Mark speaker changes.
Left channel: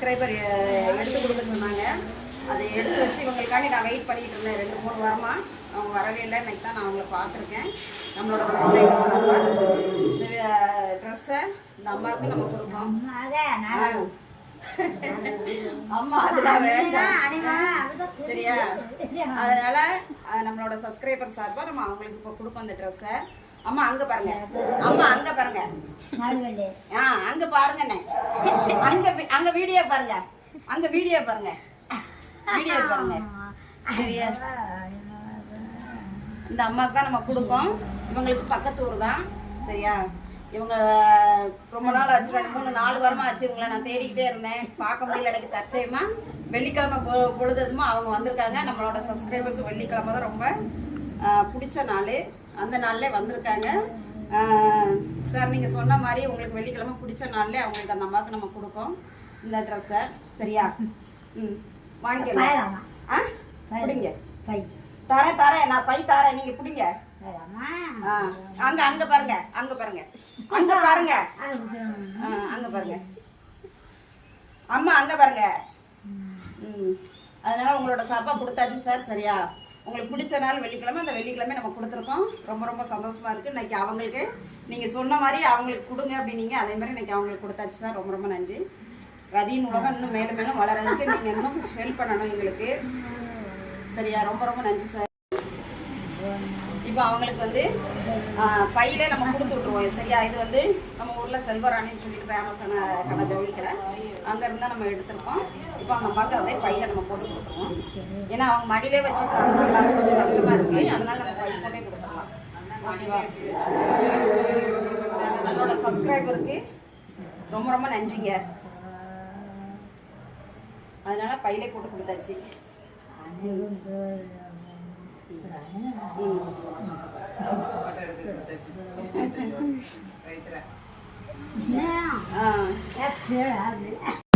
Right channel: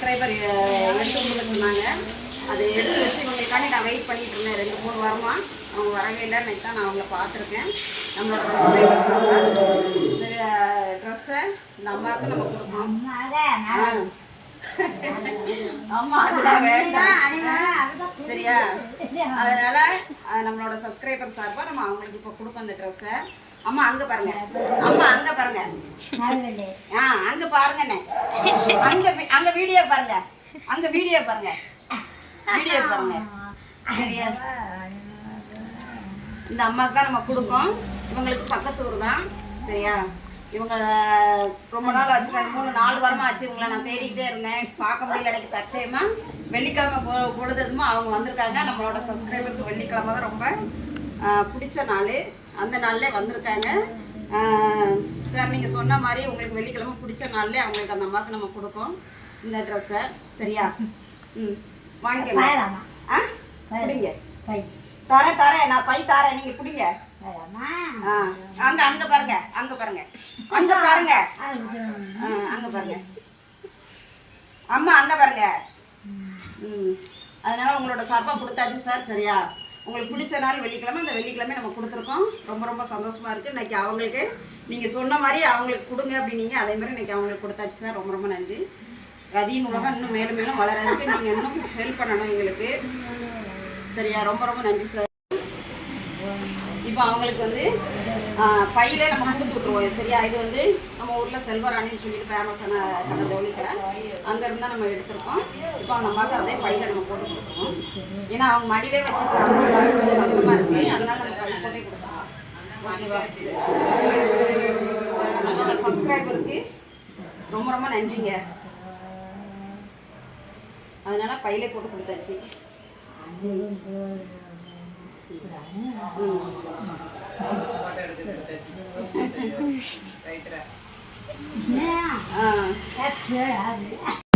Speaker 1: Subscriber எடுத்து கொடுக்க சொன்னாங்க. அதை எடுத்து வச்சு இவங்களுக்காண்டி நான் வெயிட் பண்ணிட்டு இருந்தேன். ரெண்டு மூணு வாரமாக அவங்க வரவே இல்லை. இன்னைக்கு தான் நான் அவங்கள பார்த்துருக்கேன். நம்மளோட சப்ஸ்கிரைபர் இந்த ட்ரெஸ்ஸை இந்த அம்மாவுக்கு நம்ம கொடுக்கணும் அம்மா அதுதான் சரியா? அதனால நம்மளோட சப்ஸ்கிரைபர் சார்பா நம்ம அவங்களுக்கு இப்போ கொடுப்போம் அந்த ட்ரெஸ்ஸை அம்மா அங்க பாருங்க. அம்மா அங்க பாருங்க. ஆ அங்க பாருங்க. அங்க அங்க வீடியோ பாருங்க. அங்க வீடியோ பாருங்க. வீடியோ பாருங்க. சரியா? இந்த அம்மாவுக்கு தான் நம்ம கொடுப்போம் இவங்களுக்கு பக்கத்து ஊர் தான். சரியா? இவங்க ரொம்ப நாள் ஆச்சு. ரெண்டு மூணு நாலு வாரமா ஆச்சு. இவங்களை நான் தேடிக்கிட்டே இருந்தேன். பார்க்க முடியல எனக்கு தற்சயமா. வெள்ளிக்கிழமை பொ பொழுதுமா அவங்க வந்திருக்காங்க. நம்மளோட சப்ஸ்கிரைபருக்கு வெள்ளிக்கிழமை தான் ரொம்ப பிடிச்ச நாள். அந்த நாள்ல வந்திருக்காங்க. சார் நீங்கள் சொன்ன மாதிரி உங்களுக்கு வெள்ளிக்கிழமை பிடிச்ச நாள்ல அவங்களுக்கு அந்த அம்மாவுக்கு நம்ம கொடுப்போம் இந்த ட்ரெஸ்ஸை சரியா? ம். வாங்கிக்கலாம் ஆ? பிடிங்க. தரேன் தரேன் நான் பை தரேன். நீங்க பிடிங்க. அங்க அங்க பாருங்க. அங்க பாருங்க. அங்க பாருங்க. அங்க பாருங்க. அம்மா அங்க பாருங்க. ம். அதனால உங்களோட சாப்பா கொடுத்தாச்சு சார் சரியா? உங்களுக்கு பிடிச்ச நாள் வெள்ளிக்கிழமை அந்த வெள்ளிக்கிழமை நம்ம கொடுத்துருக்கோம். ரொம்ப ரொம்ப சந்தோஷமாக இருக்கு. இன்னைக்கு அவங்களுக்கு நீங்கள் சொன்ன மாதிரி அவங்களுக்கு கொடுங்க அப்படின்னீங்க. அதே மாதிரி இன்றைக்கி அவங்களுக்கு கொடுத்தாச்சு சார். ரொம்ப ரொம்ப நன்றி. ரதியின் உலகம் இன்னும் மேலும் மேலும் வளர்றதுக்கு நீங்கள் இன்னும் ஹெல்ப் பண்ணணும் எங்களுக்கு. சரியா? ரொம்ப ரொம்ப நன்றி சார். இப்போ அவங்களுக்கு வந்து பையிலே நம்ம கொடுத்து விட்ருவோம் சரியா? இது வந்து நம்ம ஊரில் செல்வராணின்னு சொல்லிட்டு ஃபேமஸான கடை ஜவுளிக்கடை அங்கேருந்து தான் நம்ம எடுத்திருக்கோம். இப்போ அந்த அம்மாவுக்கு அதே பையில நம்ம போட்டு கொடுக்குறோம் ஏன்னா அவங்க மடியிலே வச்சுக்கிறாங்க. எல்லாரும் கொஞ்சம் கஷ்டமாக இருக்குது அதனால நம்ம பயிர் போட்டே கொடுத்துருவோம் ஓகேவா? நம்மளோட சப்ஸ்கிரைபருக்கு ரொம்ப ரொம்ப நன்றிங்க. அதனால பையிலே போட்டு கொடுத்தாச்சு. ம் ஆ